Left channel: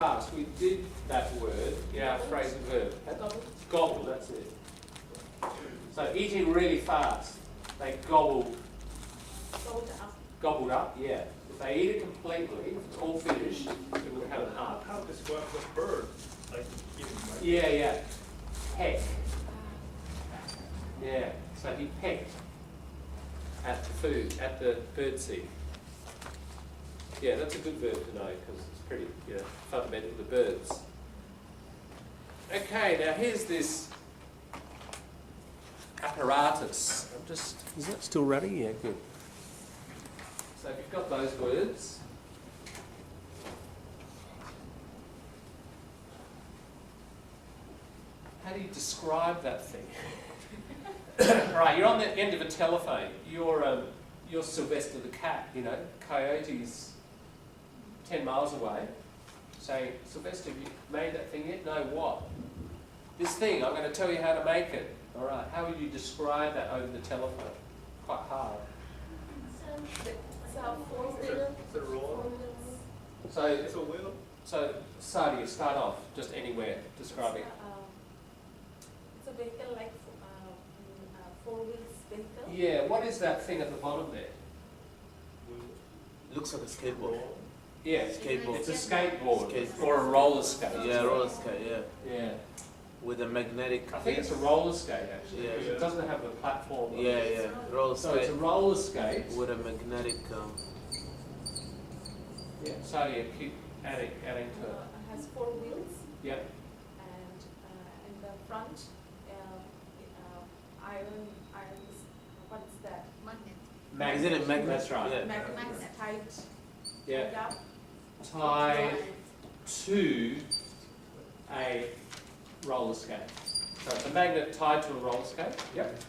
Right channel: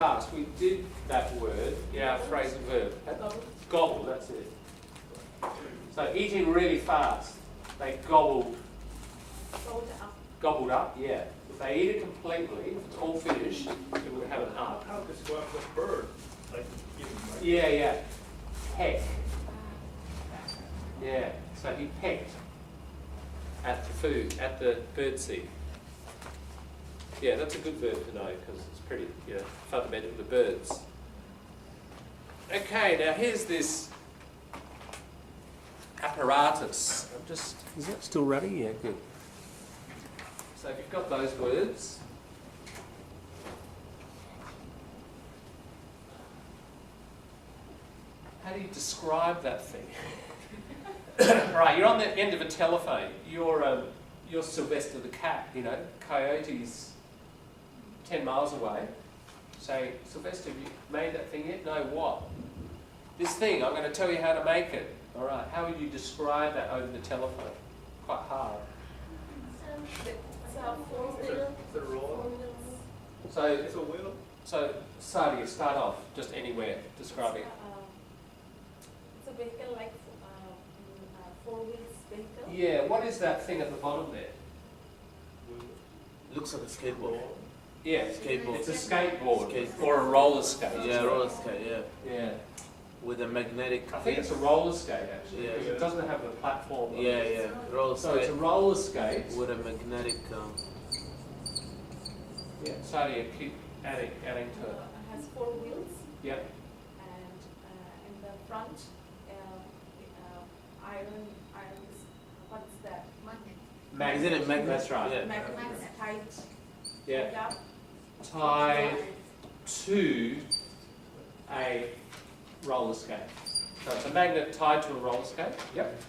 Fast. We did that word in our phrasal verb. Gobble, that's it. So eating really fast. They gobbled up, yeah. If they eat it completely, if it's all finished, it would have an up. How describe the bird? Like eating, right? Yeah. Peck. Yeah. So he pecked at the food, at the birdseed. Yeah, that's a good verb to know because it's pretty fundamental to birds. Okay, now here's this apparatus. Is that still running? Yeah, good. So if you've got those words, how do you describe that thing? Right, you're on the end of a telephone. You're Sylvester the cat, Coyote's 10 miles away, saying, Sylvester, have you made that thing yet? No, what? This thing, I'm going to tell you how to make it. All right, how would you describe that over the telephone? Quite hard. It's a roll. So, It's a wheel. So, Sadia, start off, just anywhere, describing. It's a vehicle like four wheels vehicle. Yeah, what is that thing at the bottom there? Looks like a skateboard. Yeah, Skateboard. it's a skateboard, Skateboard. or a roller skate. Yeah, roller skate, yeah. Yeah. With a magnetic. I think it's a roller skate actually, Yeah. because it doesn't have a platform. on Yeah, it. yeah. Roller So it's a skate roller skate. with a magnetic. Yeah, Sadia, keep adding to it. It has four wheels Yep. and in the front, iron is, what is that? Magnet. Isn't it magnet? That's right. Yeah. Magnets tied. Yeah. Up. Tied to a roller skate. So it's a magnet tied to a roller skate. Yep.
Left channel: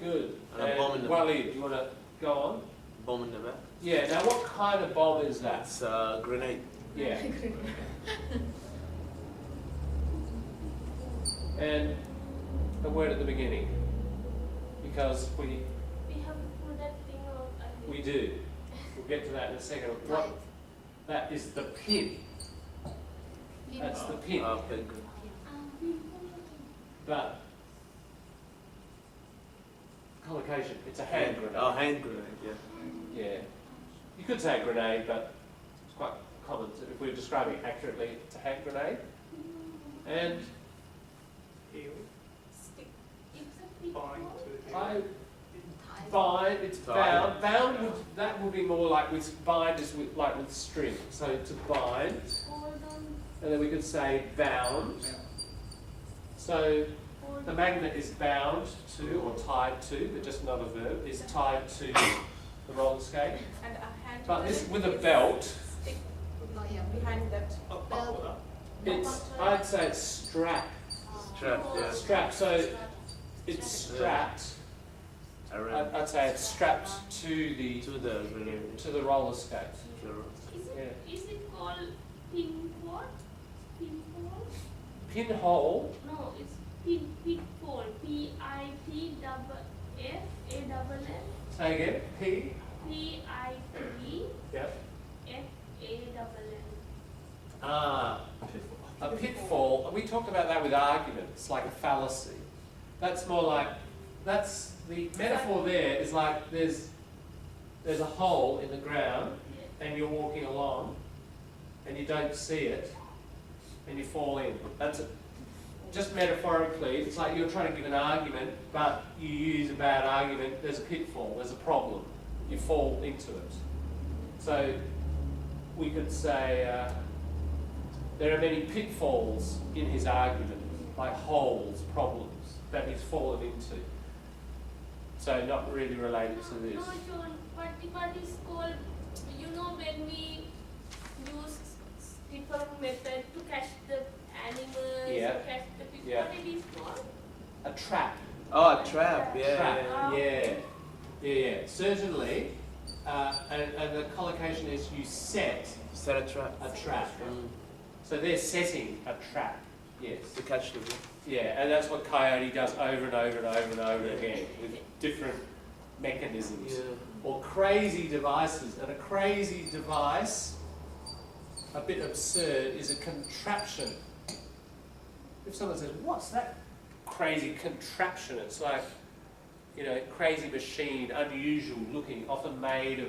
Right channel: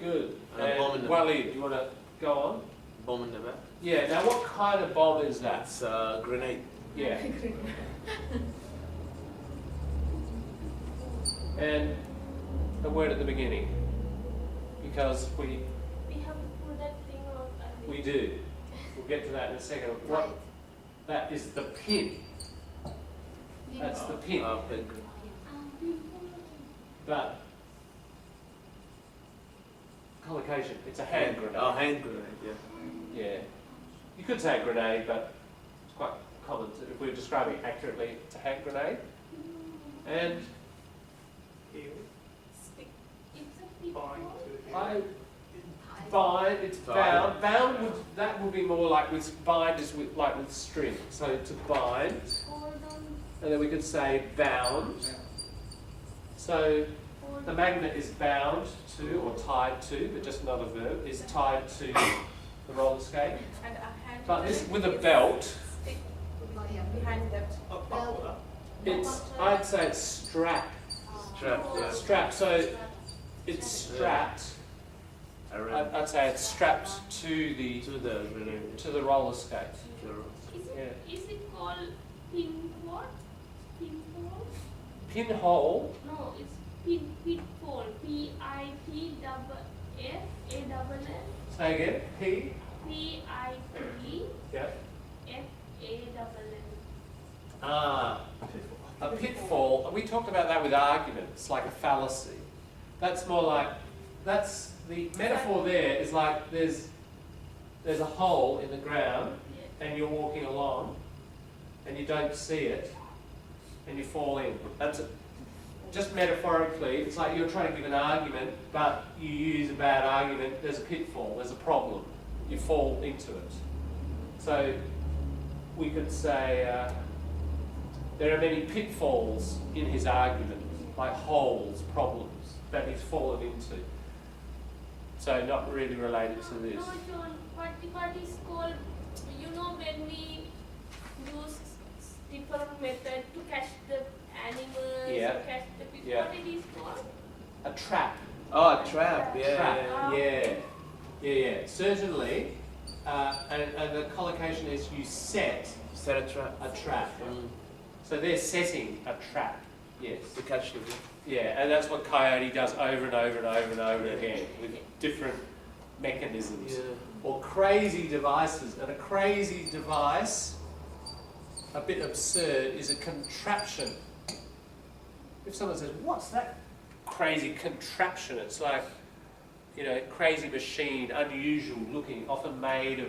Good. And a bomb in the Walid, do you want to go on? Bomb in the back. Yeah, now what kind of bomb is that? It's a grenade. Yeah. And a word at the beginning. Because we have put that thing on. we do. We'll get to that in a second. What? That is the pin. That's the pin. Pin. But collocation, it's a hand grenade. Oh, hand grenade, yeah. Yeah. You could say a grenade, but it's quite common if we're describing it accurately, it's a hand grenade. And Stick. it's bound. Bound would be more like bind is with string. So to bind. And then we could say bound. So the magnet is bound to or tied to, but just not a verb, is tied to the roller skate. And a hand. But this with a belt, Stick behind that. I'd say it's strapped. Strapped, yeah. Strapped. So it's strapped. Around I'd say it's strapped to the roller skate. Yeah. Is it called pinfall? Pinfall? Pinhole. No, it's pinfall. P-I-T-F-A-L-L. Say again. P. P-I-T-F-A-L-L. Yeah. A pitfall. We talked about that with arguments, like a fallacy. That's more like the metaphor there is like there's a hole in the ground and you're walking along and you don't see it and you fall in. That's it. Just metaphorically, it's like you're trying to give an argument, but you use a bad argument. There's a pitfall. There's a problem. You fall into it. So we could say there are many pitfalls in his argument, like holes, problems that he's fallen into. So not really related to this. No, John, what is called, when we use different method to catch the animals, Yeah. to catch the fish, Yeah. what it is called? A trap. Oh, a trap, yeah. Trap. Yeah. Certainly. And the collocation is you set Set a trap. a trap. So they're setting a trap. Yes. To catch the fish. Yeah, and that's what Coyote does over and over and over and over again with different mechanisms. Yeah. Or crazy devices. And a crazy device a bit absurd is a contraption. If someone says, what's that crazy contraption? It's like, you know, crazy machine, unusual looking, often made of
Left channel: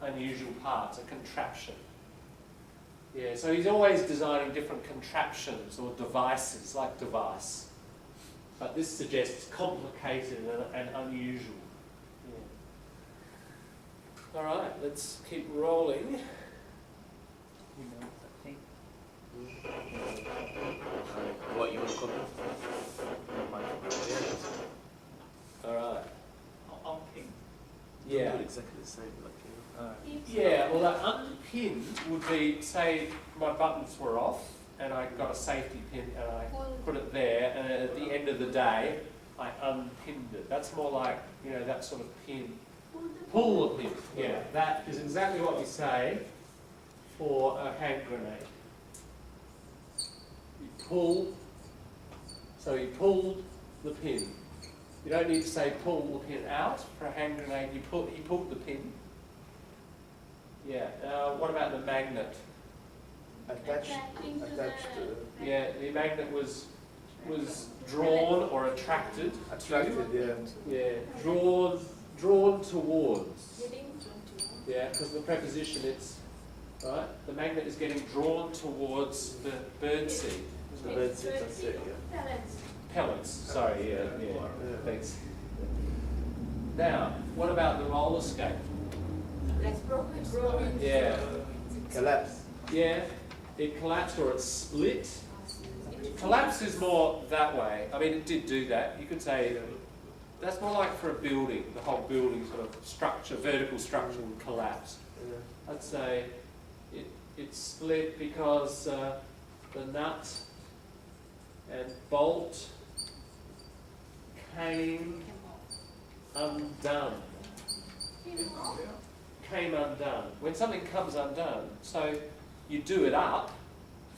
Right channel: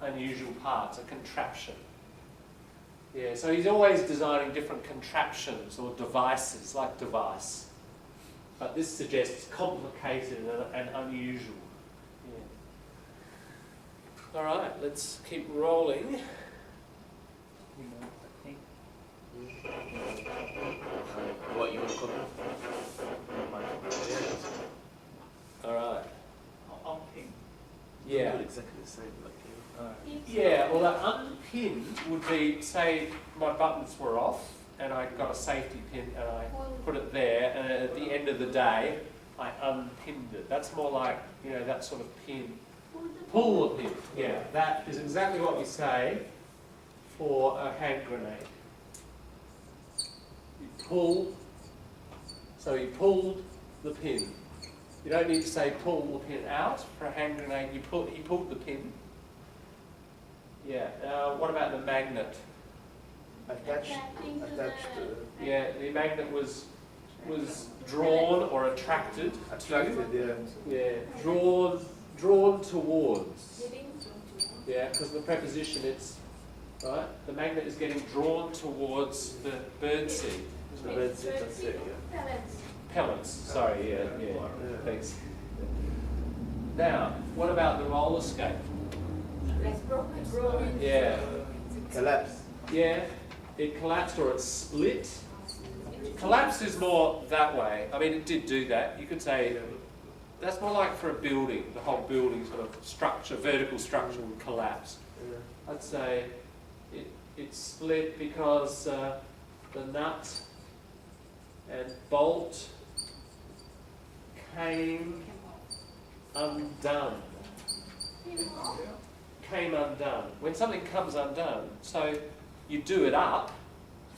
unusual parts, a contraption. Yeah, so he's always designing different contraptions or devices, like device. But this suggests complicated and unusual. Yeah. All right, let's keep rolling. What you want to call it? All right. On ping. Yeah. Do it exactly the same, like you. Yeah, well, that unpinned would be, say, my buttons were off, and I got a safety pin, and I put it there, and at the end of the day, I unpinned it. That's more like, you know, that sort of pin. Pull the pin. Yeah, that is exactly what we say for a hand grenade. You pull, so he pulled the pin. You don't need to say pull the pin out for a hand grenade. He pulled the pin. Yeah. What about the magnet? Attached to. Yeah, the magnet was drawn or attracted. Attracted, yeah. Yeah, drawn towards. Yeah, because of the preposition, it's right. The magnet is getting drawn towards the birdseed. The red seat, that's it, yeah. Pellets. Sorry. Yeah. Thanks. Now, what about the roller skate? Yeah. Collapse. Yeah, it collapsed or it split. Collapse is more that way. I mean, it did do that. You could say that's more like for a building, the whole building sort of structure, vertical structure would collapse. Yeah. I'd say it split because the nut and bolt came undone. Came undone. When something comes undone, so you do it up,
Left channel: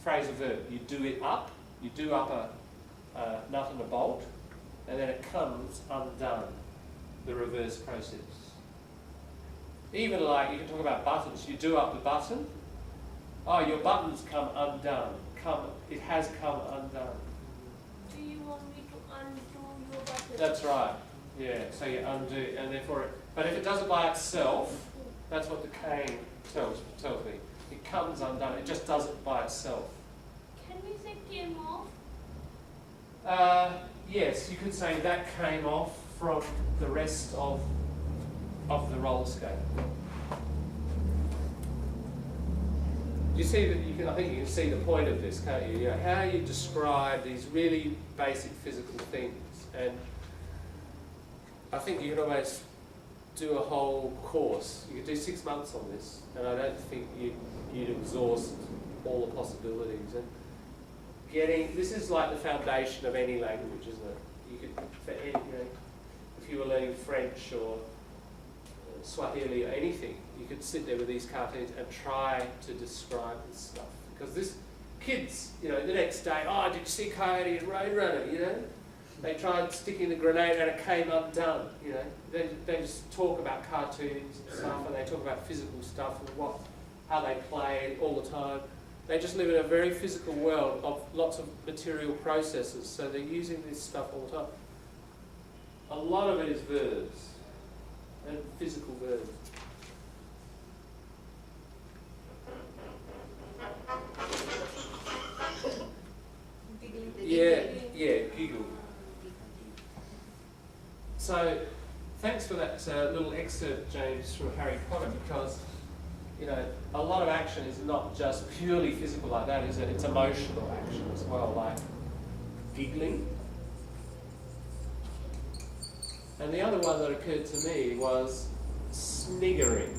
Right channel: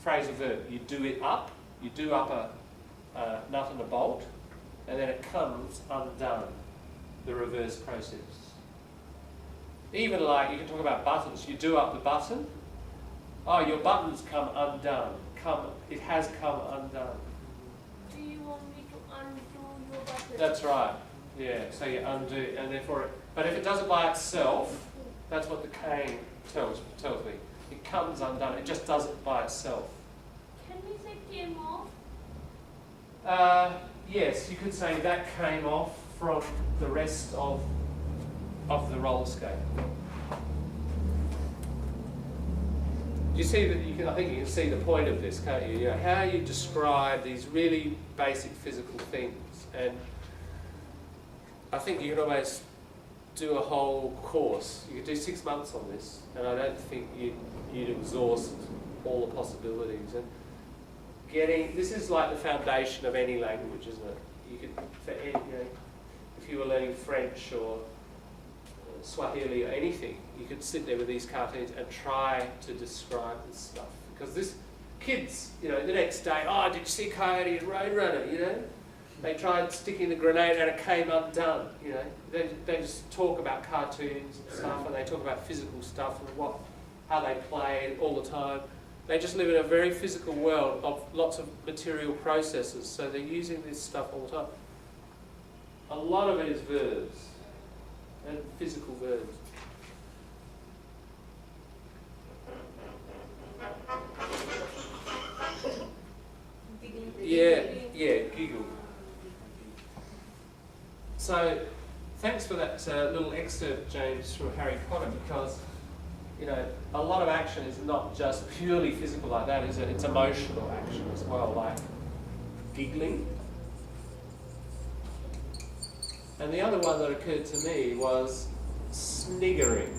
phrasal verb, you do it up, you do up a nut and a bolt, and then it comes undone, the reverse process. Even like, you can talk about buttons, you do up the button, oh, your button's come undone, it has come undone. Do you want me to undo your button? That's right, yeah, so you undo, and therefore, but if it does it by itself, that's what the cane tells me. It comes undone, it just does it by itself. Can we say came off? Yes, you could say that came off from the rest of the roller skate. You see that you can. I think you can see the point of this, can't you? You know, how you describe these really basic physical things, and I think you can almost do a whole course. You could do 6 months on this, and I don't think you'd exhaust all the possibilities. And this is like the foundation of any language, isn't it? You could, for any, you know, if you were learning French or Swahili or anything, you could sit there with these cartoons and try to describe this stuff. Because this, kids, you know, the next day, oh, did you see Coyote and Roadrunner, you know? They tried sticking the grenade and it came undone, you know. They just talk about cartoons and stuff, and they talk about physical stuff and how they play all the time. They just live in a very physical world of lots of material processes, so they're using this stuff all the time. A lot of it is verbs, and physical verbs. Yeah, giggle. So, thanks for that little excerpt, James, from Harry Potter, because, you know, a lot of action is not just purely physical like that, is it? It's emotional action as well, like giggling. And the other one that occurred to me was sniggering.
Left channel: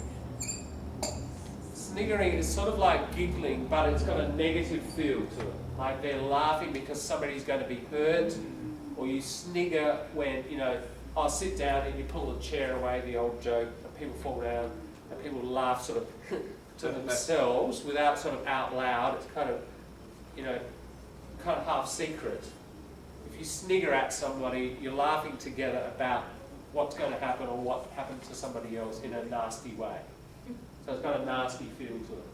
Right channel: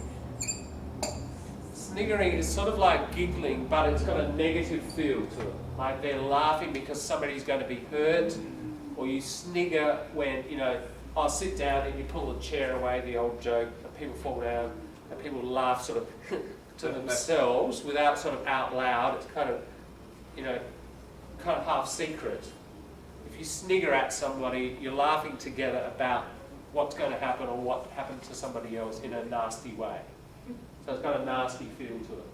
Sniggering is sort of like giggling, but it's got a negative feel to it. Like they're laughing because somebody's going to be hurt, or you snigger when, you know, I'll sit down and you pull the chair away, the old joke, and people fall down, and people laugh sort of to themselves without sort of out loud. It's kind of, you know, kind of half secret. If you snigger at somebody, you're laughing together about what's going to happen or what happened to somebody else in a nasty way. So it's got a nasty feel to it.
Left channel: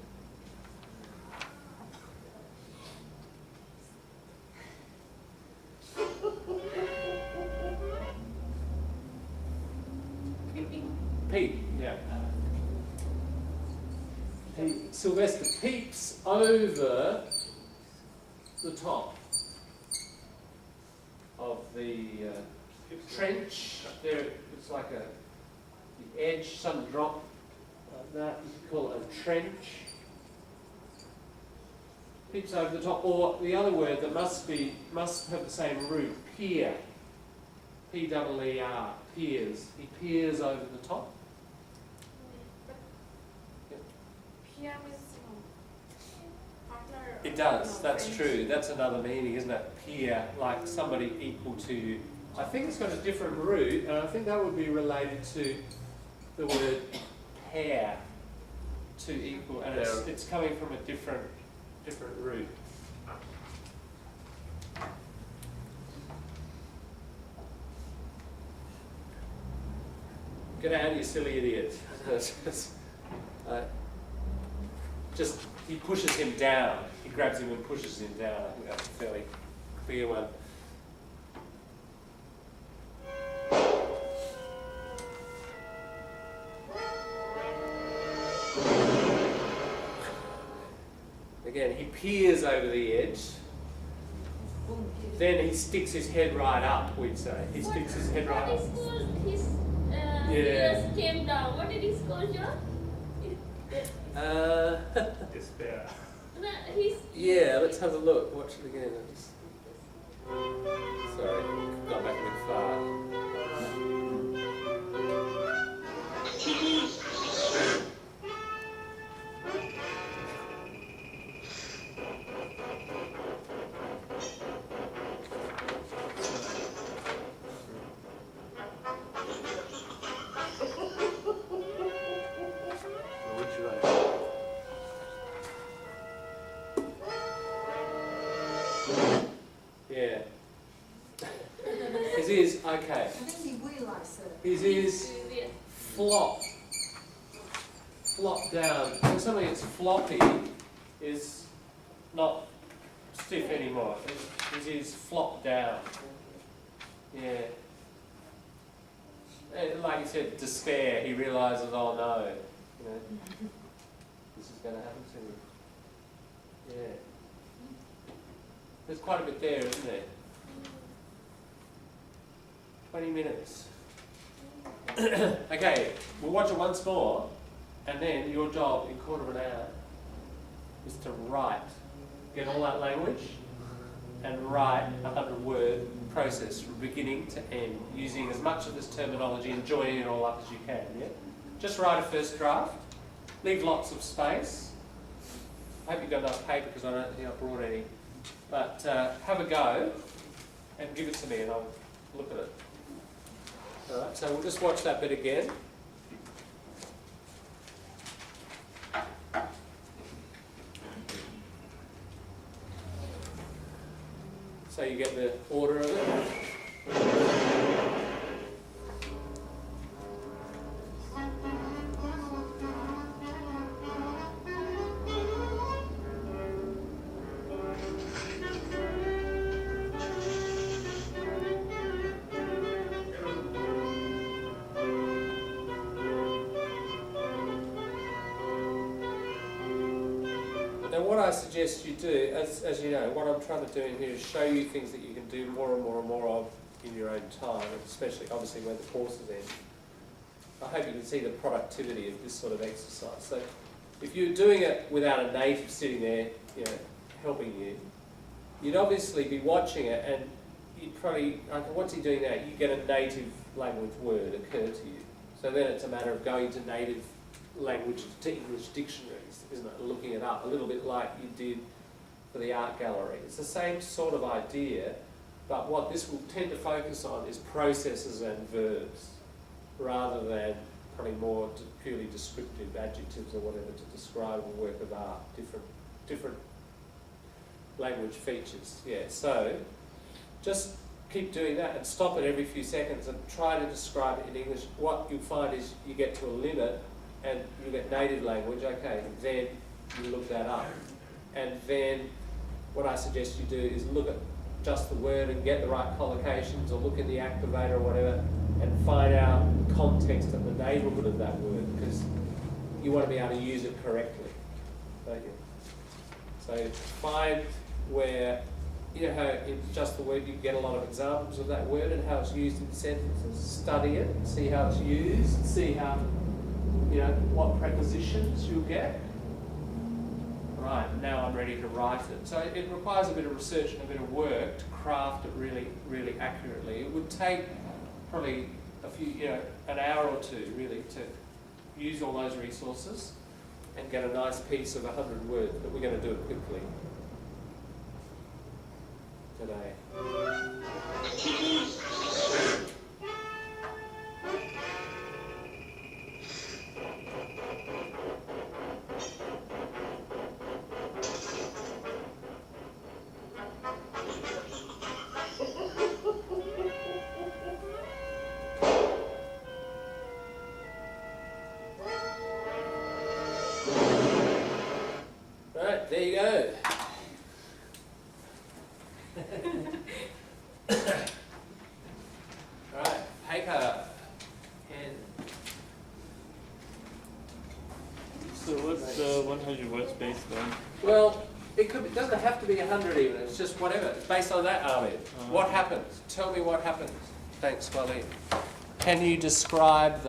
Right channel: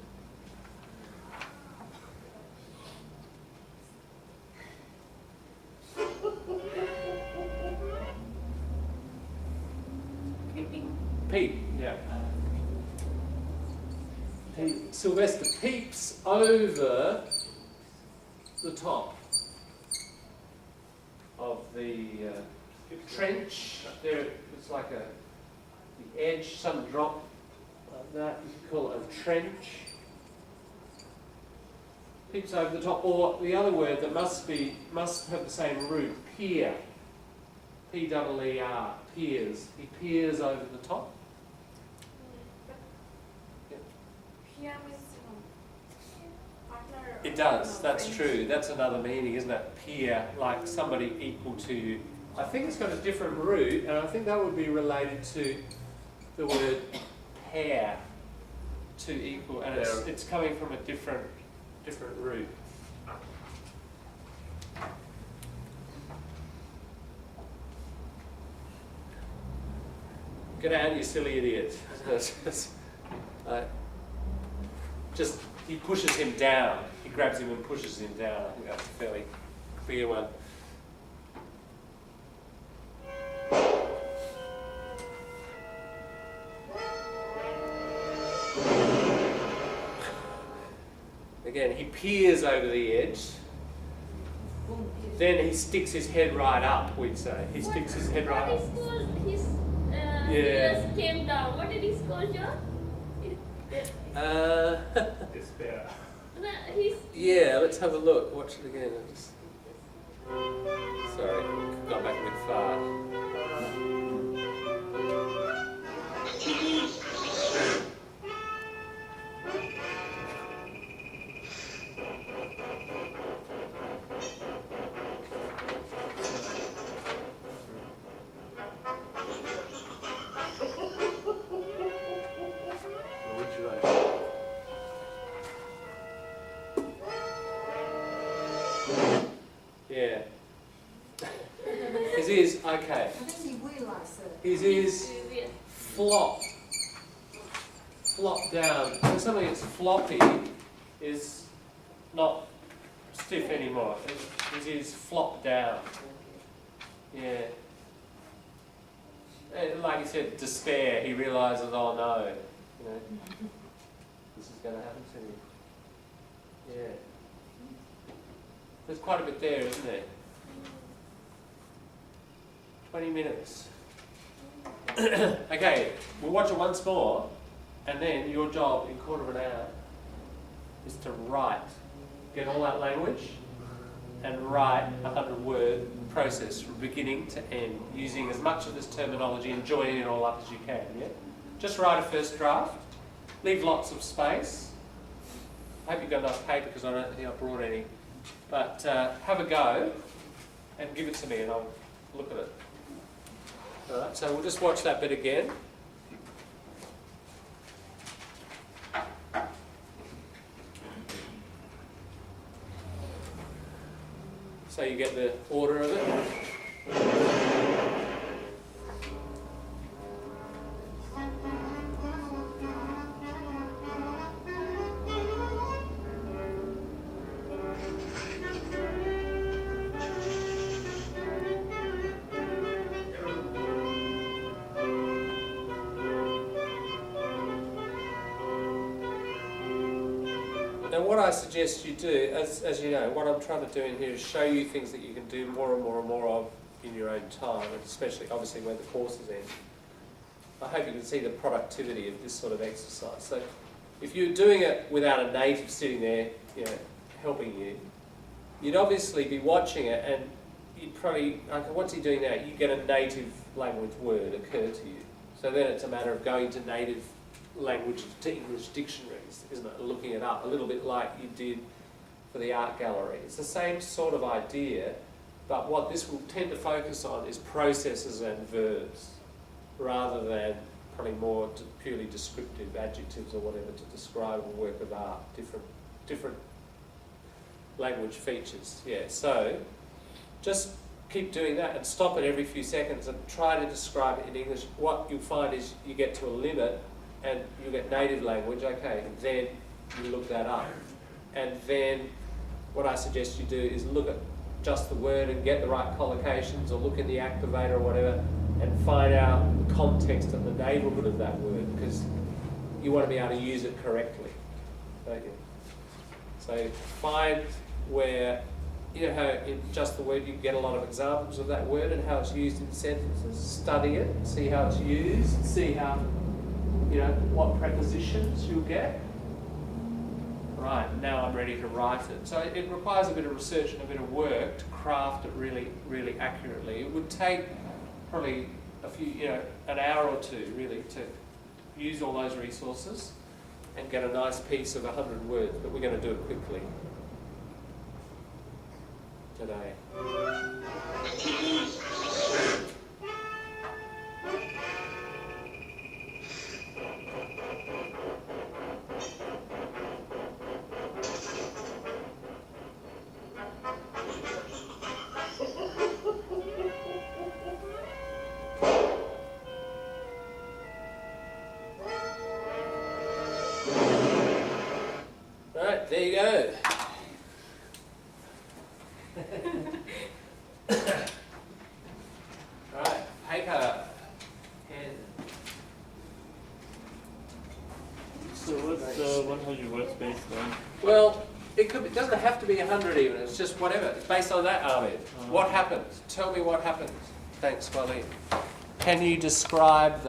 Peep, yeah. Sylvester peeps over the top of the trench. There, it's like the edge, some drop like that. You could call it a trench. Peeps over the top, or the other word that must have the same root, peer. P-E-E-R, peers. He peers over the top. Peer means partner. It does, that's true. That's another meaning, isn't it? Peer, like somebody equal to you. I think it's got a different root, and I think that would be related to the word pair, to equal, and it's coming from a different root. Get out, you silly idiot. Just, he pushes him down. He grabs him and pushes him down. I think that's a fairly clear one. Again, he peers over the edge. Then he sticks his head right up, we'd say. He sticks his head right up. What is called his ears came down. What did he call John? Despair. No, he's Yeah, let's have a look. Watch it again. Sorry, got back a bit far. Which one? Yeah. His ears, okay. I think he realised that. His ears flop down. When something that's floppy is not stiff anymore. His ears flop down. Yeah. And like you said, despair. He realises, oh no, you know, this is going to happen to me. Yeah. There's quite a bit there, isn't there? 20 minutes. Okay, we'll watch it once more, and then your job in 1/4 of an hour is to write. Get all that language and write a 100-word process from beginning to end, using as much of this terminology and joining it all up as you can, yeah? Just write a first draft, leave lots of space. I hope you've got enough paper because I don't think I brought any. But have a go and give it to me and I'll look at it. Alright, so we'll just watch that bit again. So you get the order of it. Now what I suggest you do, as you know, what I'm trying to do in here is show you things that you can do more and more and more of in your own time, and especially obviously when the course is end. I hope you can see the productivity of this sort of exercise. So if you're doing it without a native sitting there, you know, helping you, you'd obviously be watching it and you'd probably, okay, what's he doing now? You get a native language word occur to you. So then it's a matter of going to native language, to English dictionaries, isn't it? Looking it up, a little bit like you did for the art gallery. It's the same sort of idea, but what this will tend to focus on is processes and verbs, rather than probably more purely descriptive adjectives or whatever to describe a work of art, different language features. Yeah, so just keep doing that and stop it every few seconds and try to describe it in English. What you'll find is you get to a limit and you get native language, okay, then you look that up. And then what I suggest you do is look at just the word and get the right collocations, or look in the activator or whatever, and find out the context and the neighbourhood of that word, because you want to be able to use it correctly, don't you? So find where, you know how in just the word you get a lot of examples of that word and how it's used in sentences. Study it, see how it's used, see how, you know, what prepositions you'll get. Right, now I'm ready to write it. So it requires a bit of research and a bit of work to craft it really, really accurately. It would take probably a few, you know, an hour or two really to use all those resources and get a nice piece of 100 words, but we're going to do it quickly today. Right, there you go. Right, paper, pen. So what's 100 words based on? Well, it doesn't have to be 100 even, it's just whatever. It's based on that, Ahmed. What happens? Tell me what happens. Thanks, Marlene. Can you describe